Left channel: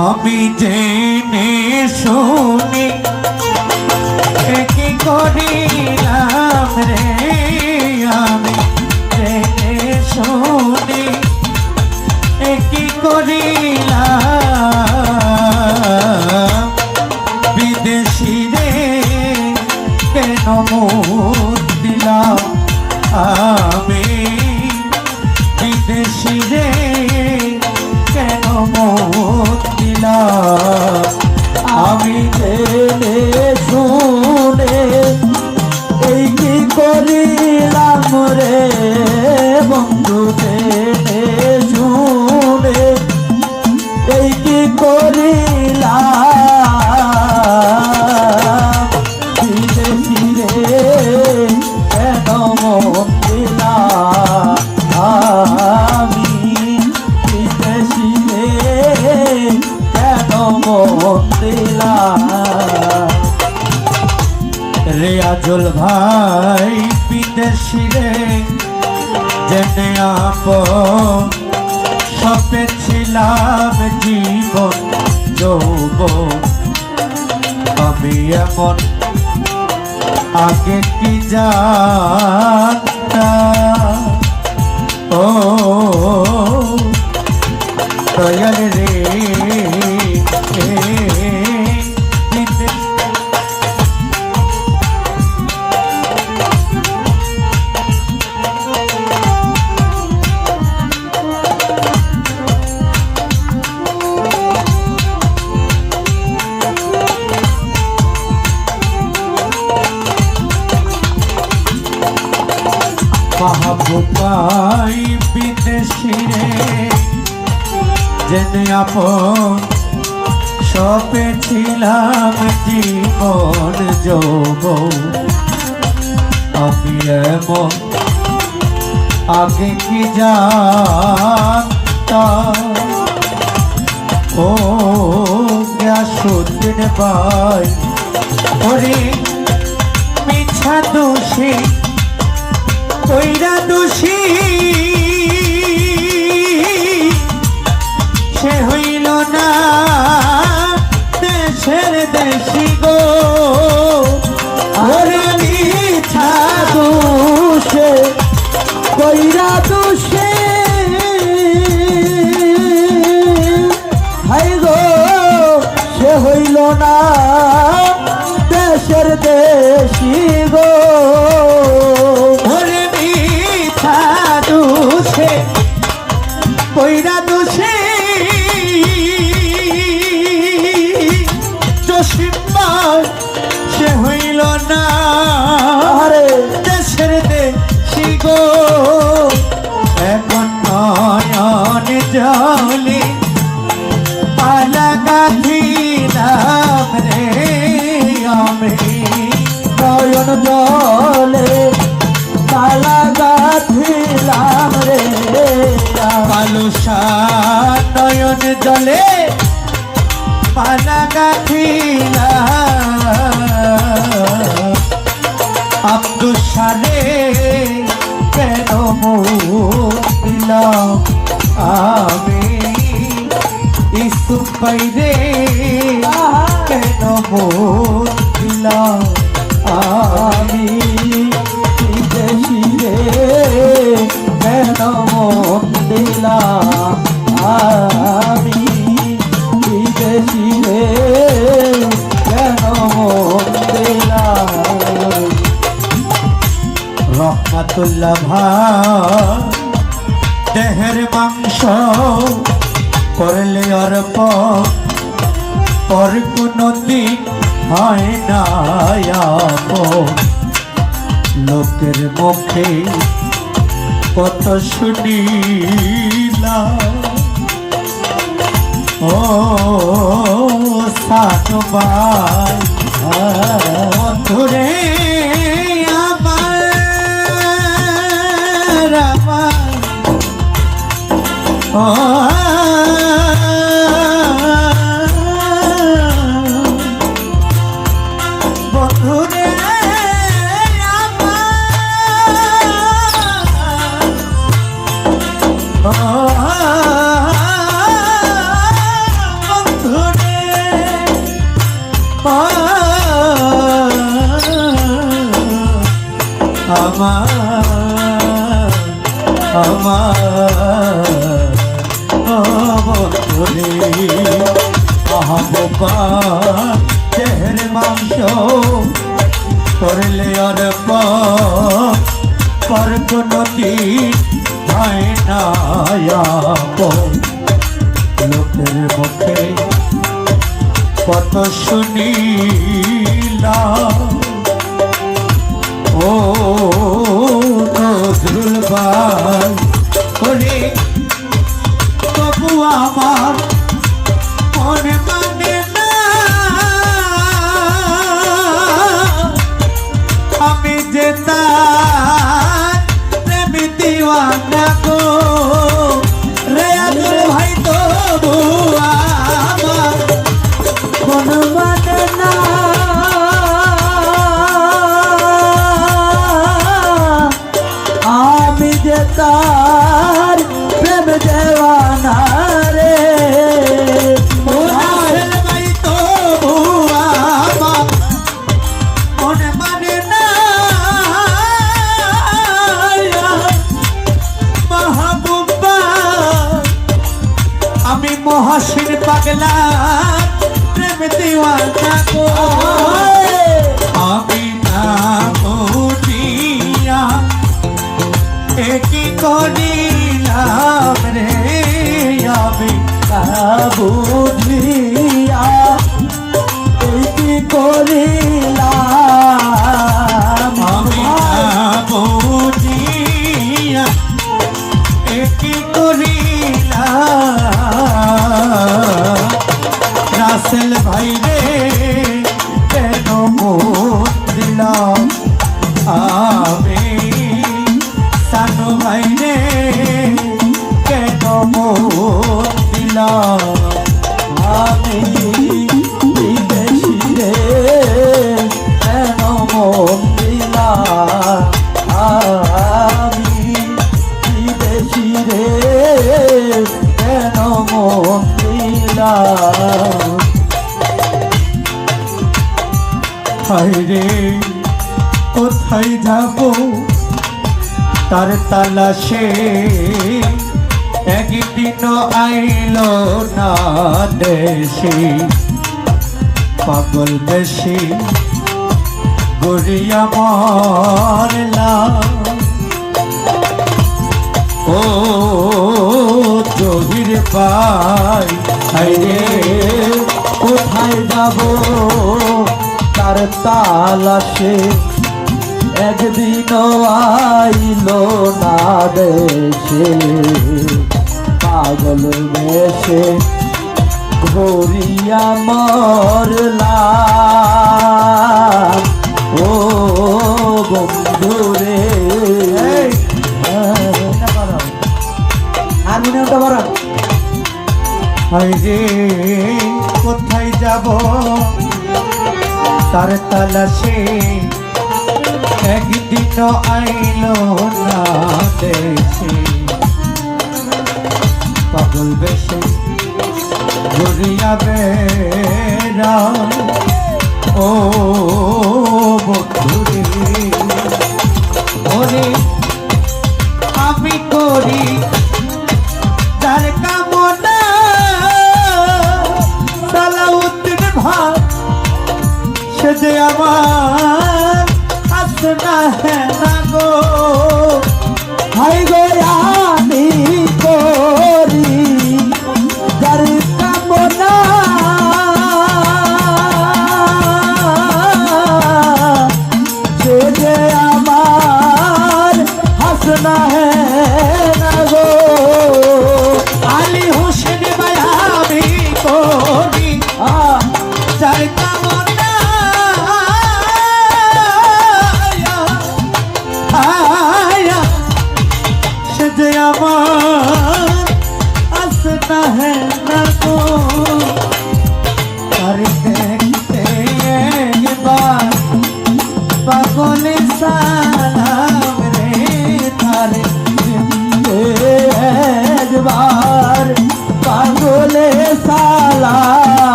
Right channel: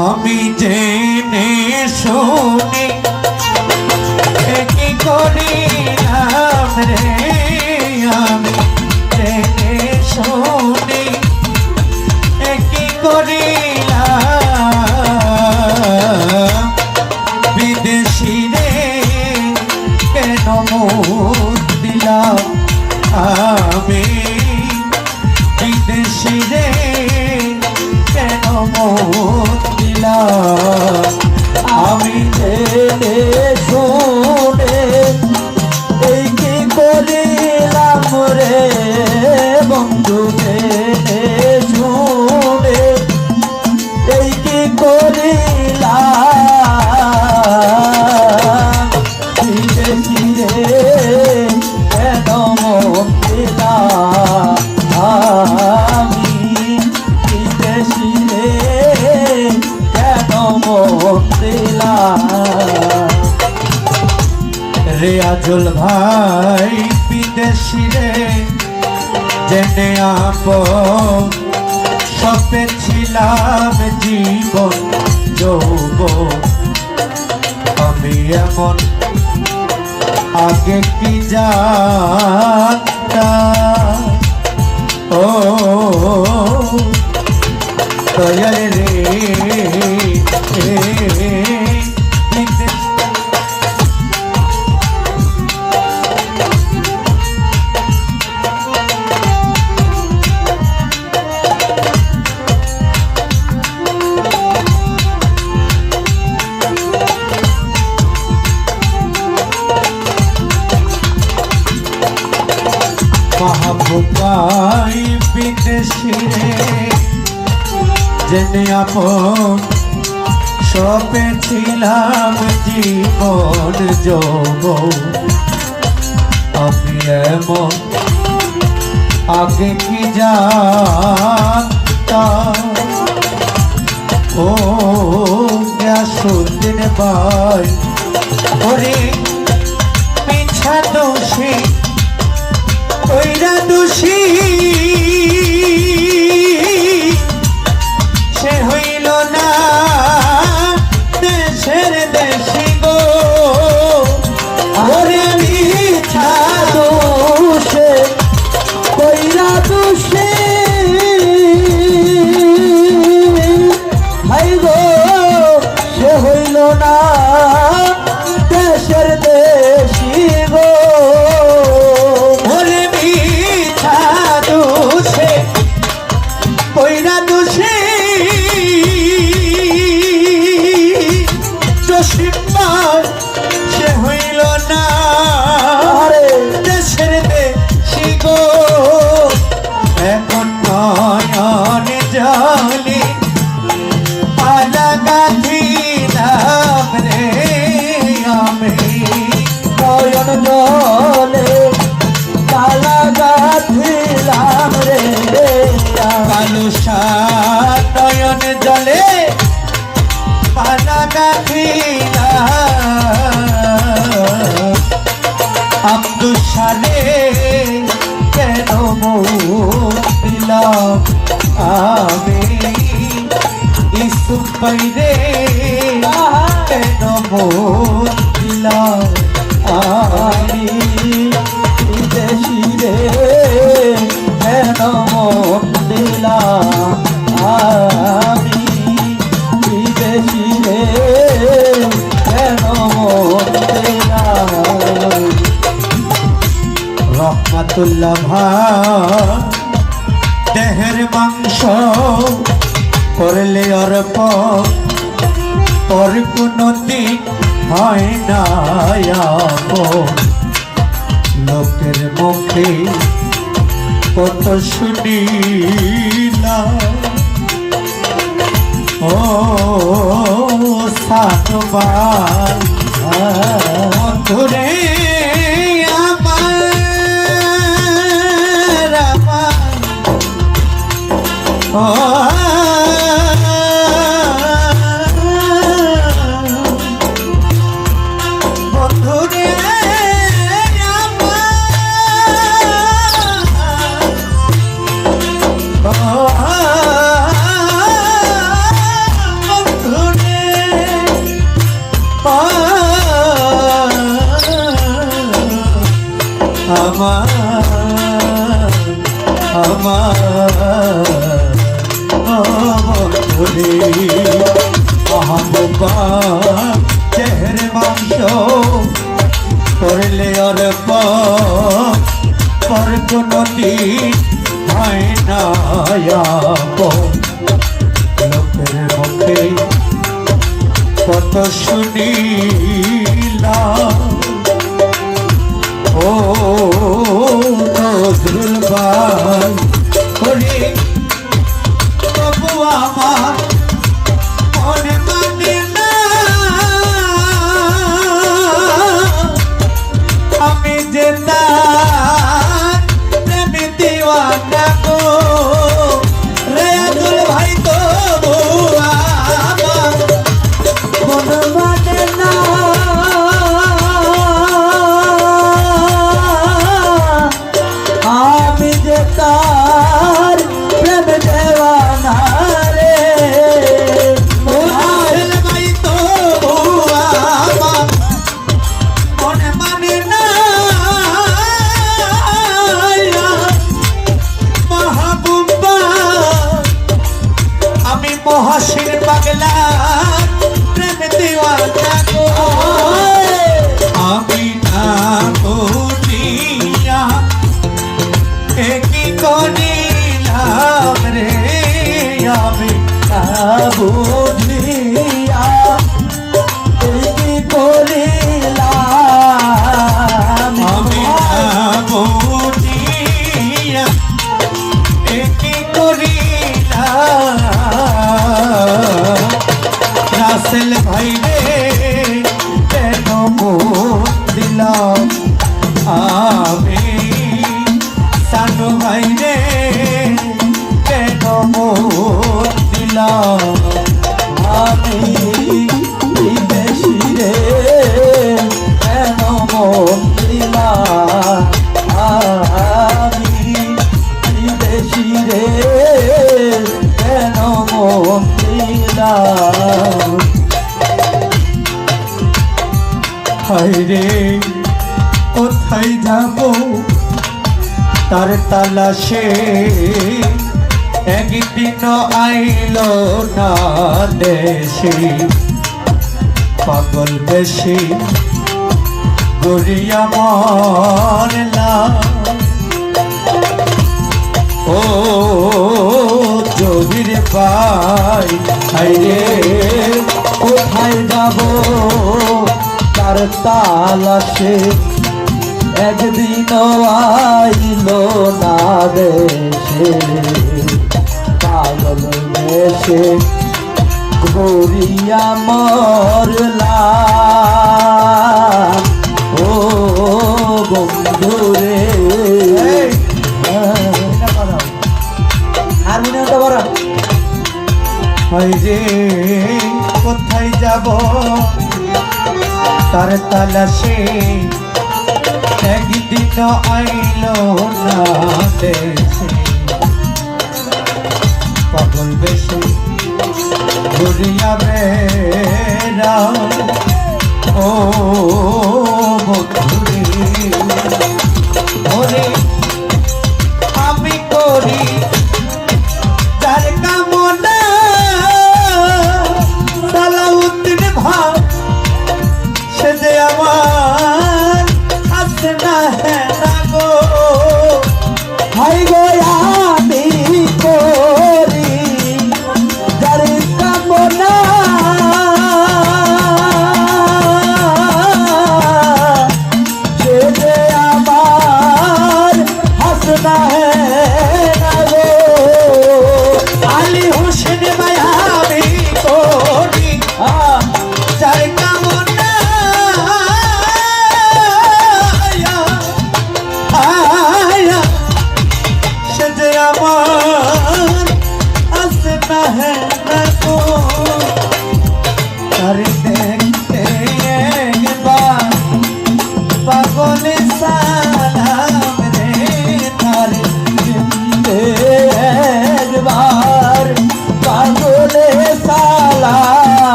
আমি জেনে শুনি কি করিলাম রে, আমি জেনে শুনি কি করিলাম, বিদেশি রে কেন দিলাম আমি, বিদেশি রে কেন দিলাম আমি, জেনে শুনে এই কি করিলাম রে বন্ধু, জেনে শুনে এই কি করিলাম, বিদেশি রে কেন দিলাম আমি, বিদেশি রে কেন দিলাম। রিয়াজুল ভাই বিদেশি রে জেনে আপন, সপেছিলাম জীবন যৌবন, আমি এমন আগে কি জানতাম, ও দয়াল রে বিদেশি রে জেনে আপন, সপেছিলাম জীবন যৌবন, আমি এমন আগে কি জানতাম, ও গ্যাসুদ্দিন ভাই ওরে মিছা দোষী কইরা দোষী সে হইল না দেশের দেশি গো, ওরে মিছা দোষে কইরা দোষী ভাই গো, সে হইল না দেশের দেশি গো, ওরে মিছা দোষে কইরা দোষী সে হইল না দেশের দেশি গো, এখন নয়ন জলে আলাদা ছিলাম রে আমি, নয়ন জলে আলাদা ছিলাম রে আলুষা, নয়ন জলে আলাদা ছিলাম, আব্দুল সারে কেন দিলাম আমি, ইসুফ ভাই রে কেন দিলাম আমি, বিদেশি রে কেন দিলাম আমি, বিদেশি রে কেন দিলাম। রহমাতুল্লাহ ভাই দেহের মাংস করলে অর্প, পর কোনদিন হয় না আপন, লোকের মুখে কত শুনিলাম, ও সাধু ভাই তুরে আমার বন্ধুরে আমার আমার মনে মানে না আমি যে তার প্রেমে দিওয়ানা গো রে আকুল ভাই তবু আমার মন মানে না আমি যে তার প্রেম দেওয়ানা রে রাসেল ভাই তবু আমার মনে মানে না মাহবুবা আমি মহসিন পাগলা প্রেম দিওয়ানা গো আমি না বুঝিয়া কি করিলাম রে আমি না বুঝিয়া কি করিলাম আমি না বুঝিয়া কি করিলাম রাসেল ভাই রে কেন দিলাম আমি সানু ভাই রে কেন দিলাম আমি বিদেশি রে কেন দিলাম আমি বিদেশি রে কেন দিলাম হায়রে কোথায় যাব তার তালাশে একদিন আইল না দেশে পাগল দেশে গড়িয়া মারলাম ও জহির পাই হায়রে কোথায় যাব তার তালাশে একদিন আইল না দেশে পাগল দেশে গড়িয়া মরলাম ও বন্ধুরে হারমোনিয়ামটা বড় হায়রে কোথায় যাব তার তালাশে একদিন আইল না দেশে পাগল বেশে ঘুরিয়া বেড়া ও বন্ধুরে ওরে আমি করি তার কামনা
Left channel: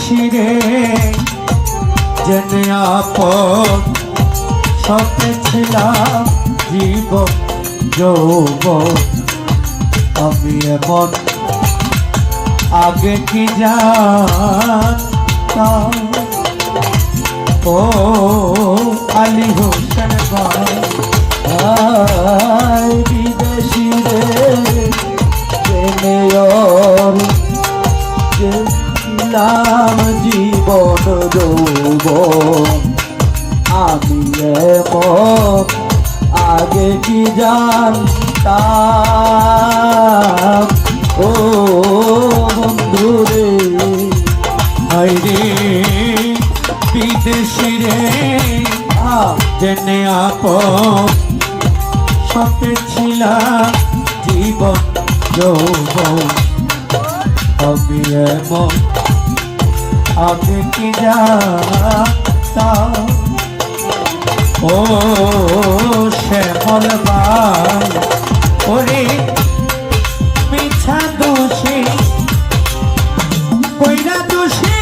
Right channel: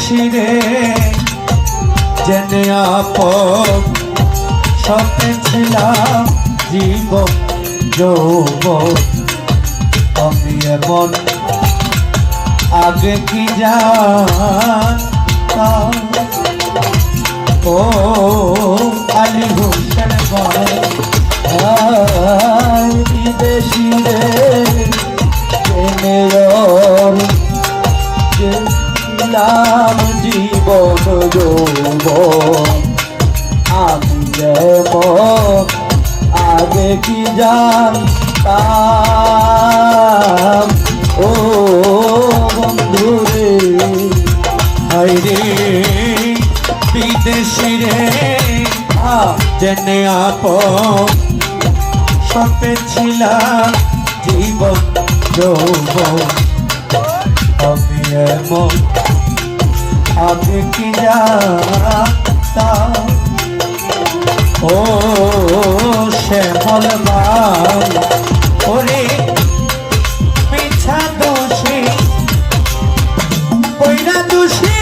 বিদেশি রে জেনে আপন স্বপ্নে ছিলাম জীবন যৌবন আমি এখন আগে কি জানতাম ও আলী হোসেন ভাই বিদেশি রে জেনে নাম জীবন যৌবন আমি এখন আগে কি জানতাম ও বন্ধুরে ভাইরে বিদেশি রে জেনে আপন স্বপ্নে ছিলাম জীবন যৌবন আমি এমন আগে কি জানতাম ও শ্যামল ভাই ওরে পিছা দোষী কইরা দোষী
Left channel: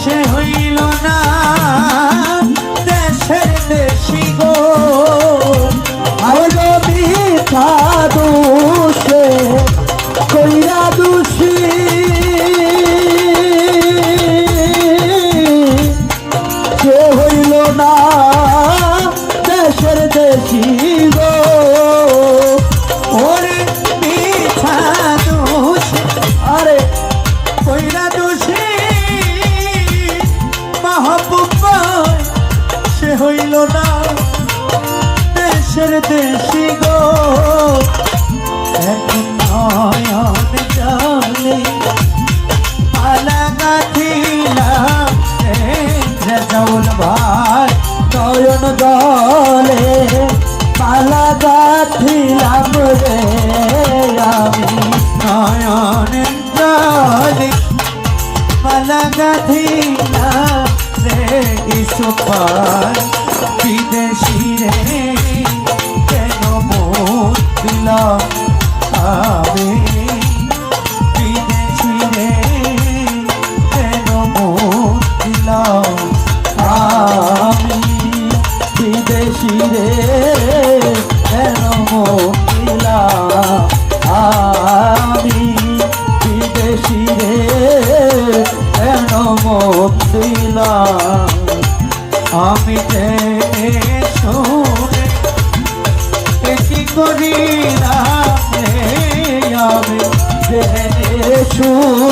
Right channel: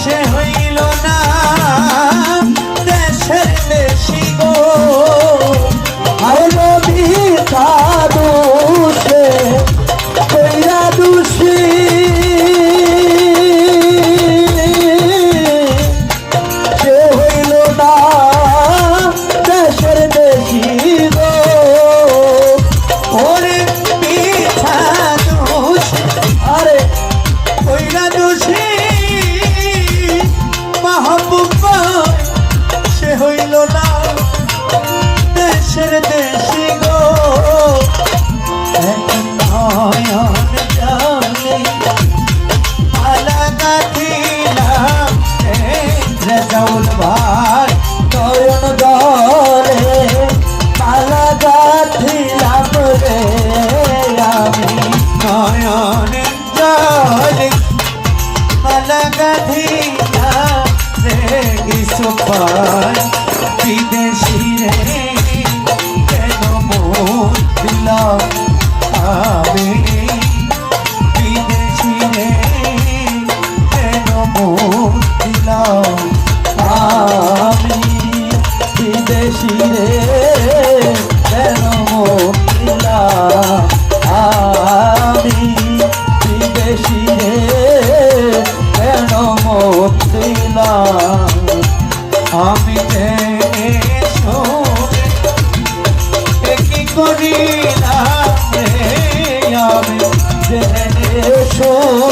সে হইল না দেশে দেশি গো আরে পিছা দোষে কইরা দোষী সে হইল না দেশের দেশি গো ওরে পিছা দোষী আরে কইরা দোষী মাহবুব ভাই সে হইল না দেশের দেশি গো এক নয়ন জানে আলাদা ছিলাম রেজাউল ভাই নয়ন দলে আলাদা ছিলাম রে আমি নয়ন জানে আলাদা ছিলাম রে ইসুফ ভাই বিদেশি রে কেন মোর দিলাম আমি বিদেশি রে কেন মোর দিলাম আমি বিদেশি রে কেন মোর দিলাম আমি বিদেশি রে কেন মোর দিলাম আমি জেনে শুনে কি করি না আমি জেনে শুনে